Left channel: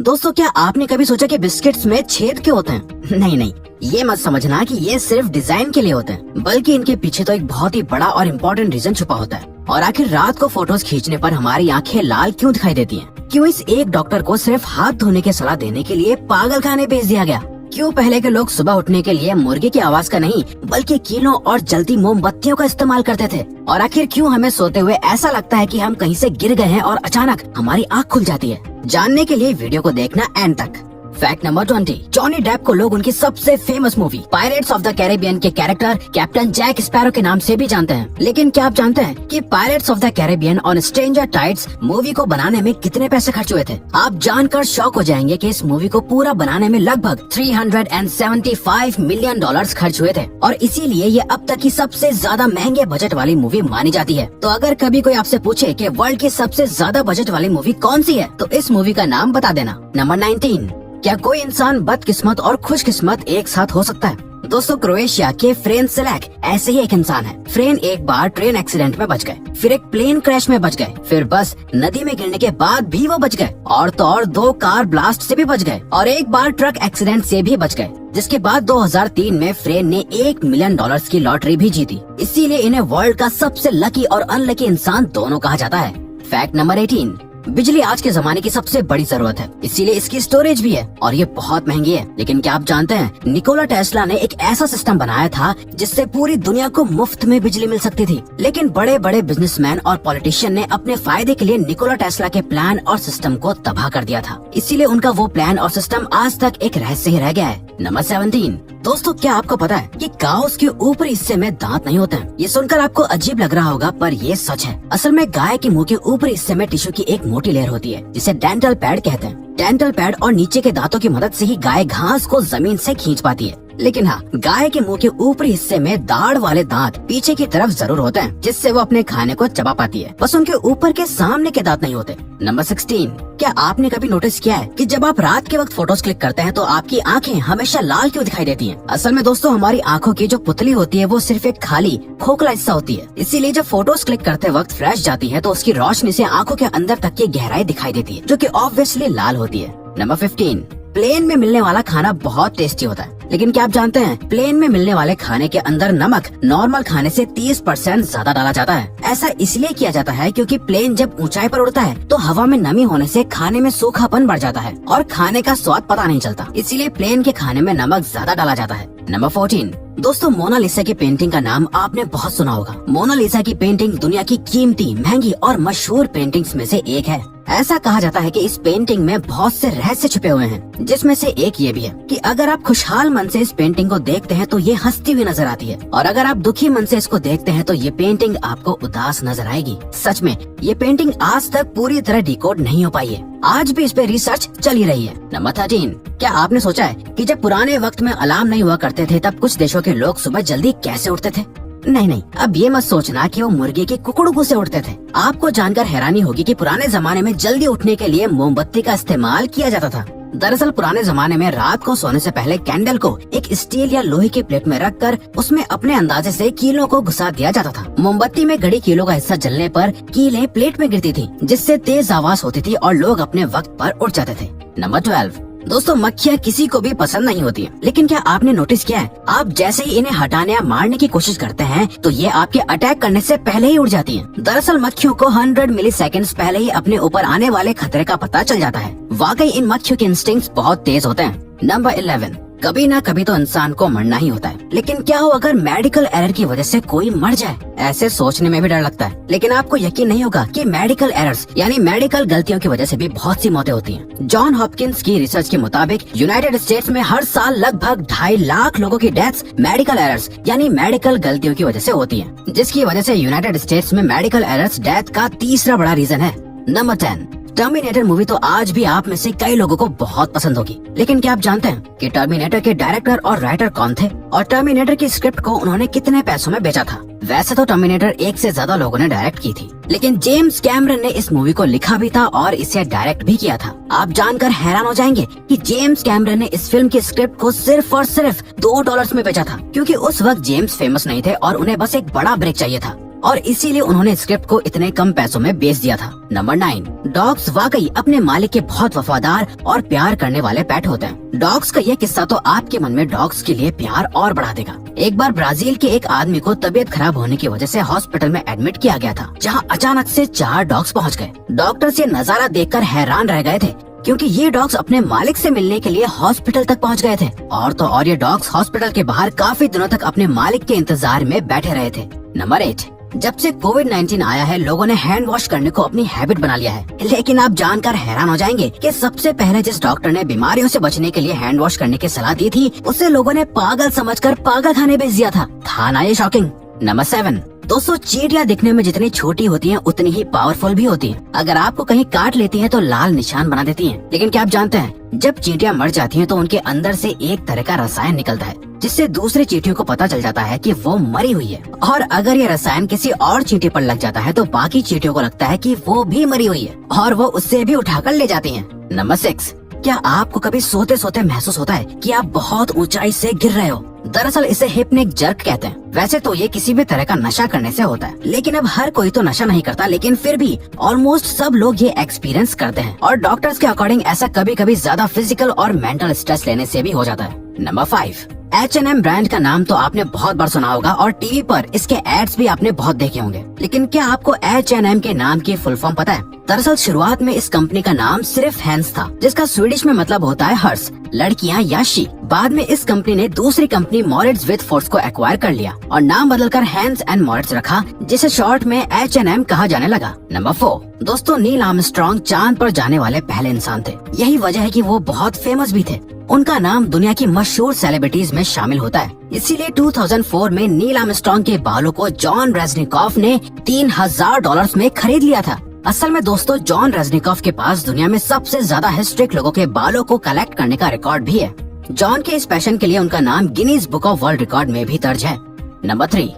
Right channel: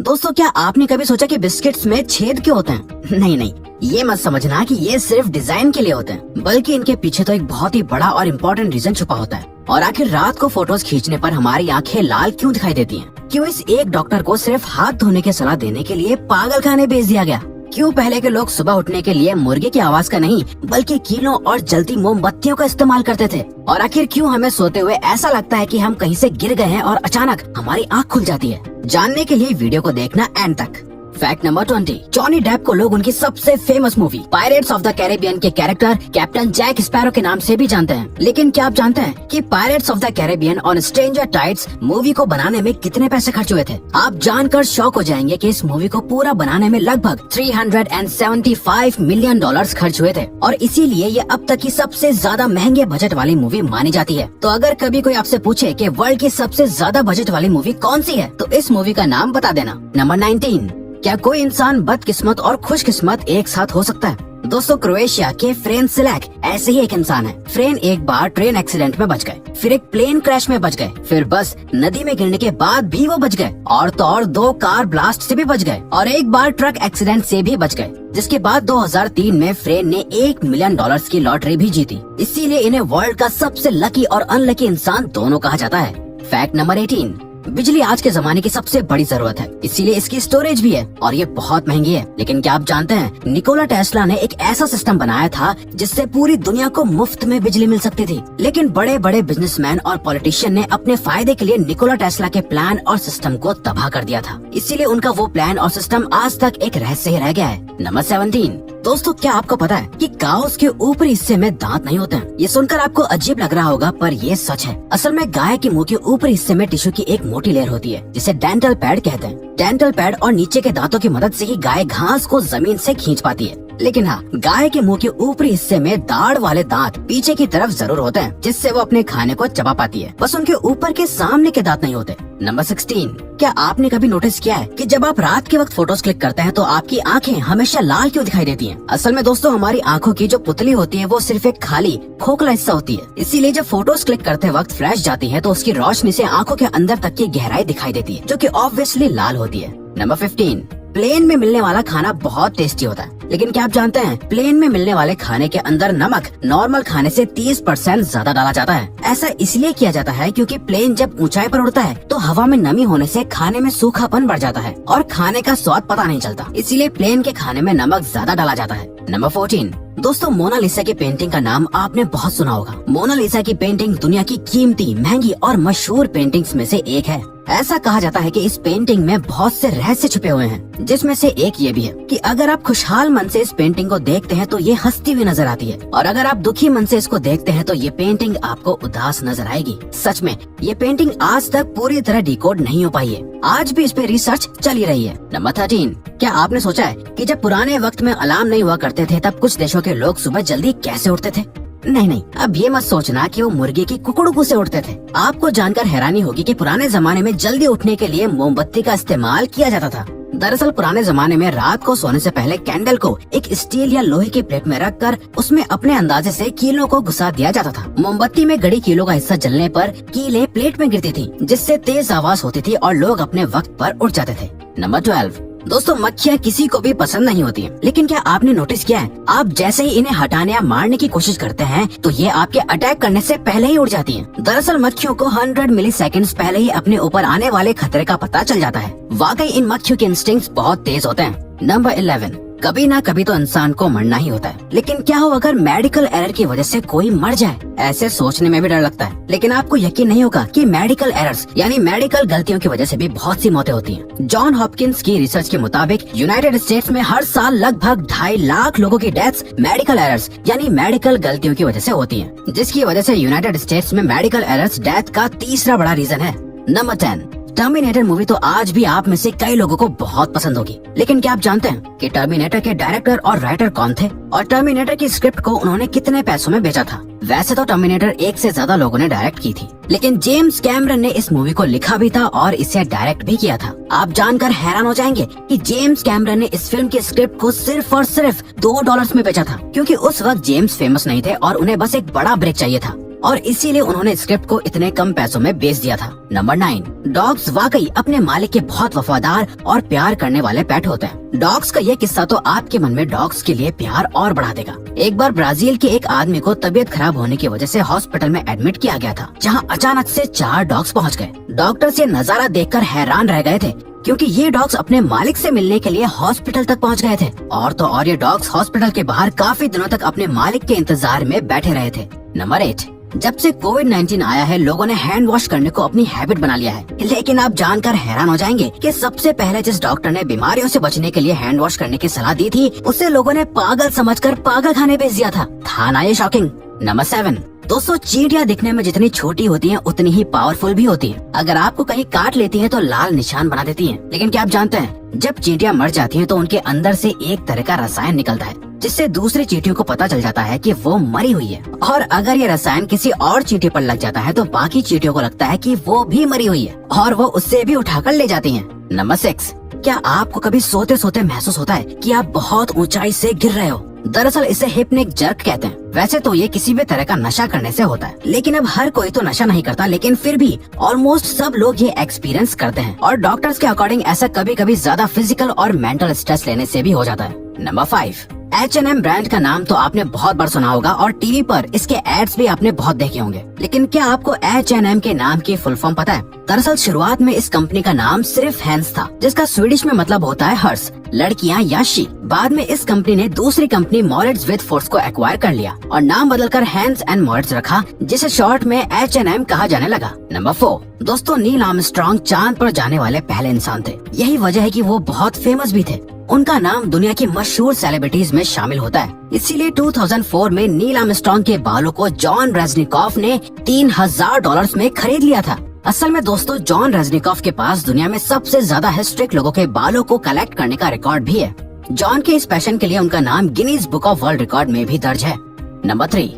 दोस्तों, क्या आपने कभी सोचा कि बिस्किट्स में छेद क्यों होते हैं? नहीं नहीं, ये मत समझना कि ये सिर्फ डिजाइन के लिए होते हैं, बल्कि इनके पीछे तो एक बहुत ही बड़ा और इम्पोर्टेंट रीजन छुपा होता है। और आखिर रात को फोटोज खींचने पर हमारी आंखें लाल क्यों दिखाई देती हैं? क्यों इस एक डॉक्टर को सिर्फ हाथ धोने की सलाह देने के लिए पागल खाने भेज दिया गया? क्यों पहले के लोग सुबह उठने के लिए मुर्गी की आवाज का नहीं बल्कि कीलों और जलती मोमबत्तियों का इस्तेमाल करते थे? और आखिर क्यों हमें सोते हुए ऐसा लगता है कि हम कहीं से गिर गए हैं और अचानक हमारी आँख खुल जाती है? जानने के लिए वीडियो को देखना एंड तक। Fact number 20। जॉनी डेप को लोग उनकी सबसे famous movie pirates of the Caribbean के कैरेक्टर कैप्टन जैक स्पैरो के नाम से भी जानते हैं। लेकिन क्या आप जानते हैं कि pirates of the Caribbean on stranger tides movie को बनाने में कितने पैसे खर्च हुए थे? आप जानकर शॉक हो जाएंगे कि इस मूवी को पूरा बनाने में लगभग $375 मिलियन खर्च हुए थे, और इसीलिए ये अब तक की सबसे ज्यादा महंगे बजट वाली मूवी मानी जाती है। तो अगर कभी कोई आपसे पूछे कि वर्ल्ड की सबसे ज्यादा बजट वाली मूवी कौन सी है, तो इस मूवी का नाम बता देना। नंबर 19। क्या कोई इंसान बदकिस्मत और खुशकिस्मत एक साथ हो सकता है? दोस्तों, क्रोएशिया के फ्रेन सिलैक ऐसे ही एक इंसान है। फ्रेन एक बार ट्रेन एक्सीडेंट में बच गए, फिर एक प्लेन क्रैश में बच गए, फिर बस नदी में गिरने के बाद भी वो बच गए, और तो और 2 कार ब्लास्ट से भी बच गए, और एक बार ट्रक एक्सीडेंट से भी बच गए। जिसके बाद 2003 में फ्रेन ने $1 मिलियन की लॉटरी भी जीती। इसीलिए इन्हें वर्ल्ड का सबसे लकी और अनलकी इंसान दोनों कहा जाता है। Fact number 18। बिजली आज के जमाने की सबसे बड़ी जरूरत है, इसीलिए इसकी स्टोरेज भी है, और ये बहुत महंगी है। लेकिन क्या आप जानते हैं, निकोला टेस्ला ने एक ऐसा सिस्टम बनाया था जिससे पूरी दुनिया को मुफ्त में बिजली मिल सकती थी। लेकिन बड़े बड़े बिजनेसमैन और पॉलिटिशियन ने अपने फायदे के लिए निकोला टेस्ला के प्लान और सिस्टम को तबाह कर दिया था। इसीलिए उनका वो प्लान और सिस्टम आज तक एक रहस्य ही रह गया है। नंबर 17। दोस्तों, क्या आपको पता है कि काउस के ऊपरी हिस्से में दांत नहीं होते हैं? ये सुनकर आपको अजीब लग रहा होगा, पर ये सच है। असल में गाय के मुंह के ऊपरी हिस्से में टिश्यू की एक मोटी लेयर होती है जिसे डेंटल पैड कहते हैं। डेंटल पैड और नीचे के दांतों की मदद से ही गाय घास को जमीन से खींच पाती है। लेकिन हाँ, गाय के मुंह के ऊपरी हिस्से में दाढ़ वाले दांत पीछे की तरफ जरूर होते हैं, जिससे वो अपने खाने को चबा पाती है। बस उनके ऊपर के सामने के दांत नहीं होते। नंबर 16। क्या आपने कभी नोटिस किया है कि जब आप रात के वक्त फोटोज क्लिक करते हैं तो आपकी आंखें हमेशा लाल क्यों दिखाई देती हैं? असल में दोस्तों, हमारी आंखों की जो पुतली होती है वो सिर्फ एक खाली खोखला हिस्सा होती है। इसीलिए जब फोटोज क्लिक करते वक्त फ्लैश जाती है तो उसकी रोशनी से आंखों के अंदर तक की गहराई दिखाई देती है, जो कि ऑब्वियसली लाल होती है। नंबर 15। प्लेन में मिलने वाला खाना बहुत टेस्टी होता है, लेकिन क्या आप जानते हैं, प्लेन में मिलने वाले खाने के अंदर नमक नॉर्मल खाने से 30% ज्यादा डाला जाता है। ऐसा इसलिए किया जाता है क्योंकि प्लेन जब ऊंचाई पर उड़ता है तो हवा में नमी होने से खाने में सूखापन बढ़ जाता है और खाने का स्वाद पता नहीं चलता। इसीलिए प्लेन के खाने में नमक ज्यादा डाला जाता है। नंबर 14। दोस्तों, मोनालिसा की पेंटिंग का नाम आपने बहुत सुना होगा। मोनालिसा की पेंटिंग दुनिया की कीमती, महंगी और मशहूर पेंटिंग्स में से एक है। ऐसा कहा जाता है कि इस पेंटिंग में बहुत से रहस्य छुपे हुए हैं, जिसमें से एक ये भी है कि अगर आप खुशहाल मन से इस पेंटिंग को देखते हैं तो ये हंसती हुई नजर आती है, और अगर आप दुखी मन से इसको देखते हैं तो ये पेंटिंग आपको उदास नजर आएगी। सच में ये पेंटिंग आज तक पूरी तरह डिकोड नहीं हो पाई है। आज भी इस पे रिसर्च चली रही है। नंबर 13। क्या आपने सोचा है कि जब पुराने वक्त में अलार्म नहीं हुआ करते थे तब कुछ देशों के लोग सुबह जल्दी कैसे उठते थे? नहीं, अब ये मत सोचना कि वो मुर्गे की कुकड़ों से उठते थे। आपको जानकर हैरानी होगी कि पुराने जमाने में जल्दी उठने के लिए मोमबत्ती का इस्तेमाल किया जाता था। दरअसल पुराने जमाने में रात को सोने से पहले कैंडल को एक स्टील या लोहे के प्लेट में रखकर उसमें अपने अंदाजे से कीलों को घुसा दिया जाता था। मोमबत्ती में गड़ी कीलों का हिस्सा जलने पर कीलें प्लेट में गिरती थी, जिससे तेज आवाज होती थी और लोग अपने वक्त पर उठ जाते थे। नंबर 12। दोस्तों, मक्खियाँ किसी को भी पसंद नहीं होती हैं, लेकिन क्या आपने नोटिस किया है, आप जैसे ही इन्हें हटाने या मारने की कोशिश करते हैं तो ये आपके अटैक करने से पहले ही उड़ जाती हैं। दरअसल मक्खियों को 100 मिलीसेकंड्स पहले ही अपने ऊपर आने वाले खतरे का पता चल जाता है। वाकई इन मक्खियों के इंस्टिंक्ट्स बहुत तेज होते हैं। नंबर 11। कभी ना कभी तो इंसान को मरना ही होता है, लेकिन क्या हो अगर मेडिकल एरर की वजह से कोई मर जाए? ऐसे सोचने में भी डर लगता है, लेकिन आपको यकीन नहीं होगा कि मेडिकल एरर्स यानी मेडिकल गलतियों की वजह से भी बहुत सी मौतें होती हैं। जॉन हॉपकिंस की रिसर्च के मुताबिक यूनाइटेड स्टेट्स में हर साल लगभग 2.5 लाख लोगों की डेथ्स मेडिकल एरर्स यानी मेडिकल गलतियों की वजह से होती है, जिसकी वजह से यूनाइटेड स्टेट्स में मेडिकल एरर्स डेथ का तीसरा बड़ा रीजन है। नंबर 10। टर्मिनेटर मूवी तो आज भी आप में से कई लोगों को बहुत पसंद होगी, लेकिन क्या आप जानते हैं कि टर्मिनेटर के डायरेक्टर और राइटर कौन थे और टर्मिनेटर की स्क्रिप्ट को उन्होंने कितने पैसों में बेचा था? वैसे तो टर्मिनेटर 1 से ज्यादा लोगों ने डायरेक्ट की थी, लेकिन जेम्स कैमरन ने इस मूवी को लिखा भी था और इसे डायरेक्ट भी किया था। आप जानकर हैरान हो जाएंगे कि जेम्स कैमरन ने इस फिल्म की स्क्रिप्ट को सिर्फ और सिर्फ $2 में बेचा था, क्योंकि उस वक्त जेम्स फेमस नहीं थे और उन्हें बस एक बड़ा ब्रेक चाहिए था। और इसीलिए उन्होंने स्क्रिप्ट को इतने कम पैसों में बेच दिया था। नंबर 9, डॉग्स वाकई अपने मालिक के बहुत वफादार और प्यार करने वाले पेट होते हैं। डॉग्स का ये किस्सा तो आपके मन में डॉग्स के लिए प्यार और बढ़ा देगा। एक बार ब्राजील के एक आदमी को तबीयत खराब होने की वजह से हॉस्पिटल में एडमिट किया गया था, जहां अचानक से 4 डॉग्स पहुंच गए। डॉक्टर्स ये नजारा देखकर हैरान रह गए थे, क्योंकि ये डॉग्स अपने मालिक से मिलने के लिए हॉस्पिटल तक पहुंच गए थे। और तो और ये डॉग्स हॉस्पिटल के बाहर काफी दिनों तक अपने मालिक के इंतजार में बैठे रहे थे। नंबर 8, जब से कोविड-19 आया है, लोगों ने हैंड वॉश करने को अपनी हैबिट बना लिया है। लेकिन आप जानकर हैरान हो जाएंगे कि सबसे पहले जिस डॉक्टर ने बीमारियों से बचने के लिए हैंड वॉश करने की सलाह दी थी, उसे लोगों ने पागल समझकर पागल खाने भेज दिया था ना ये शॉकिंग। नंबर 7, दोस्तों चींटियां दिखने में जितनी छोटी होती हैं उतनी ही पावरफुल भी होती हैं। अगर आपको कहीं काट लेती हैं तो लाल निशान बना देती हैं। लेकिन क्या आप जानते हैं, जब चींटियां मर जाती हैं तो उनके अंदर से एक तरह का रसायन निकलता है, जिससे दूसरे चींटियों को पता चल जाता है कि वो मरी हुई है। और अगर ये रसायन किसी और चींटी पर लग जाता है तो बाकी चींटियों को लगता है कि वो भी मरी हुई है और वो उससे भी उठाकर ले जाती हैं। नंबर 6, क्या आपको कभी सोते सोते महसूस होता है कि आप बहुत ऊंचाई से गिर रहे हो? दरअसल इसे हिप्निक जर्क कहते हैं। वैसे तो ये किसी भी तरह का नशा करने से होता है, लेकिन अब हर कोई तो नशा नहीं करता, लेकिन फिर भी ऑलमोस्ट सब लोग ये एक्सपीरियंस करते हैं। और डॉक्टर्स के अकॉर्डिंग ऐसा कभी कभी ज्यादा फिजिकल और मेंटल स्ट्रेस लेने से भी हो जाता है। नंबर 5, H&M ब्रांड का नाम तो आपने बहुत बार सुना होगा और टीवी पर इसके एड्स भी आपने बहुत देखे होंगे। लेकिन क्या आपको H&M के नाम की फुल फॉर्म पता है? दरअसल शुरुआत में इस कंपनी का नाम सिर्फ हैंस था, जिसका स्वीडिश में मतलब होता है हर्ष, लड़कियां या शी। बाद में इस कंपनी ने दूसरी कंपनी मॉरिट्स विद फोर्स को एक्वायर कर लिया और नाम बदलकर हैंस एंड मॉरिट्स रखा, जिसे शॉर्ट में H&M कहा जाने लगा। नंबर 4, दोस्तों नील आर्मस्ट्रांग चांद पर जाने वाले पहले इंसान थे। यही वजह है कि वो बहुत फेमस भी थे। उनका नाम दुनिया की मशहूर सेलिब्रिटीज में शामिल होता है। इसीलिए 2004 में नील आर्मस्ट्रांग के बालों को जॉन रेजनिकॉफ ने $3000 में खरीद लिया था। असल में दोस्तों जॉन रेजनिकॉफ के पास दुनिया में सबसे ज्यादा हिस्ट्रिक लोगों के बालों को कलेक्ट करने का रिकॉर्ड भी है। जॉन के इस पैशन के लिए उनका नाम Guinness book of world record में भी दर्ज है। नंबर 3,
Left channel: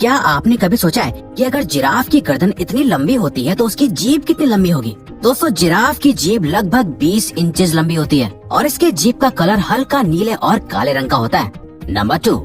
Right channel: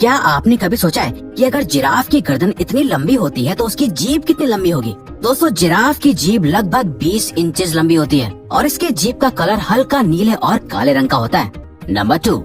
क्या आपने कभी सोचा है कि अगर जिराफ की गर्दन इतनी लंबी होती है तो उसकी जीभ कितनी लंबी होगी? दोस्तों जिराफ की जीभ लगभग 20 इंचेस लंबी होती है और इसके जीभ का कलर हल्का नीले और काले रंग का होता है। नंबर 2,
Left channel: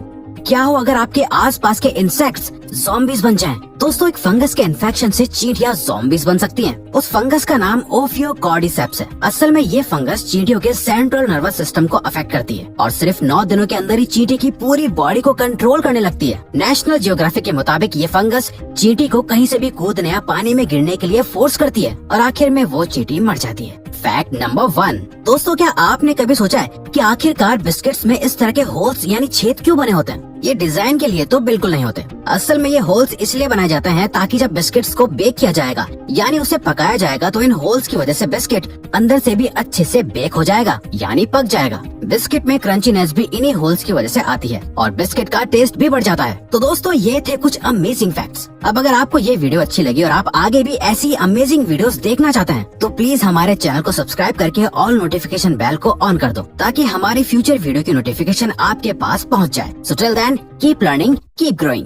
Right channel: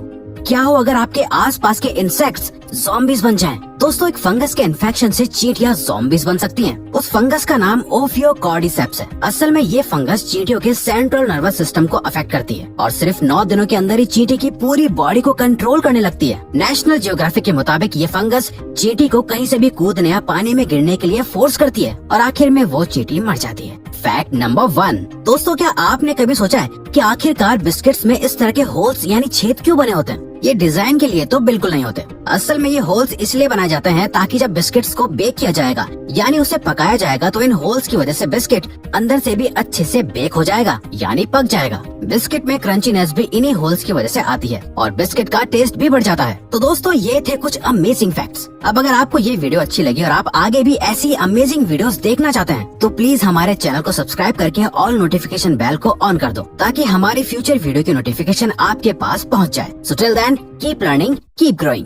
क्या हो अगर आपके आसपास के इंसेक्ट्स ज़ॉम्बीज बन जाएं? दोस्तों एक फंगस के इन्फेक्शन से चींटियां ज़ॉम्बीज बन सकती हैं। उस फंगस का नाम ओफियोकॉर्डिसेप्स है। असल में ये फंगस चींटियों के सेंट्रल नर्वस सिस्टम को अफेक्ट करती है और सिर्फ 9 दिनों के अंदर ही चींटी की पूरी बॉडी को कंट्रोल करने लगती है। नेशनल जियोग्राफिक के मुताबिक ये फंगस चींटी को कहीं से भी कूदने या पानी में गिरने के लिए फोर्स करती है और आखिर में वो चींटी मर जाती है। फैक्ट नंबर 1, दोस्तों क्या आपने कभी सोचा है कि आखिरकार बिस्किट्स में इस तरह के होल्स यानी छेद क्यों बने होते हैं? ये डिजाइन के लिए तो बिल्कुल नहीं होते। असल में ये होल्स इसलिए बनाए जाते हैं ताकि जब बिस्किट्स को बेक किया जाएगा यानी उसे पकाया जाएगा तो इन होल्स की वजह से बिस्किट अंदर से भी अच्छे से बेक हो जाएगा यानी पक जाएगा। बिस्किट में क्रंचीनेस भी इन्हीं होल्स की वजह से आती है और बिस्किट का टेस्ट भी बढ़ जाता है। तो दोस्तों ये थे कुछ अमेजिंग फैक्ट्स। अब अगर आपको ये वीडियो अच्छी लगी और आप आगे भी ऐसी अमेजिंग वीडियोस देखना चाहते हैं तो प्लीज हमारे चैनल को सब्सक्राइब करके ऑल नोटिफिकेशन बेल को ऑन कर दो ताकि हमारी फ्यूचर वीडियो की नोटिफिकेशन आपके पास पहुंच जाए। So till then keep learning, keep growing.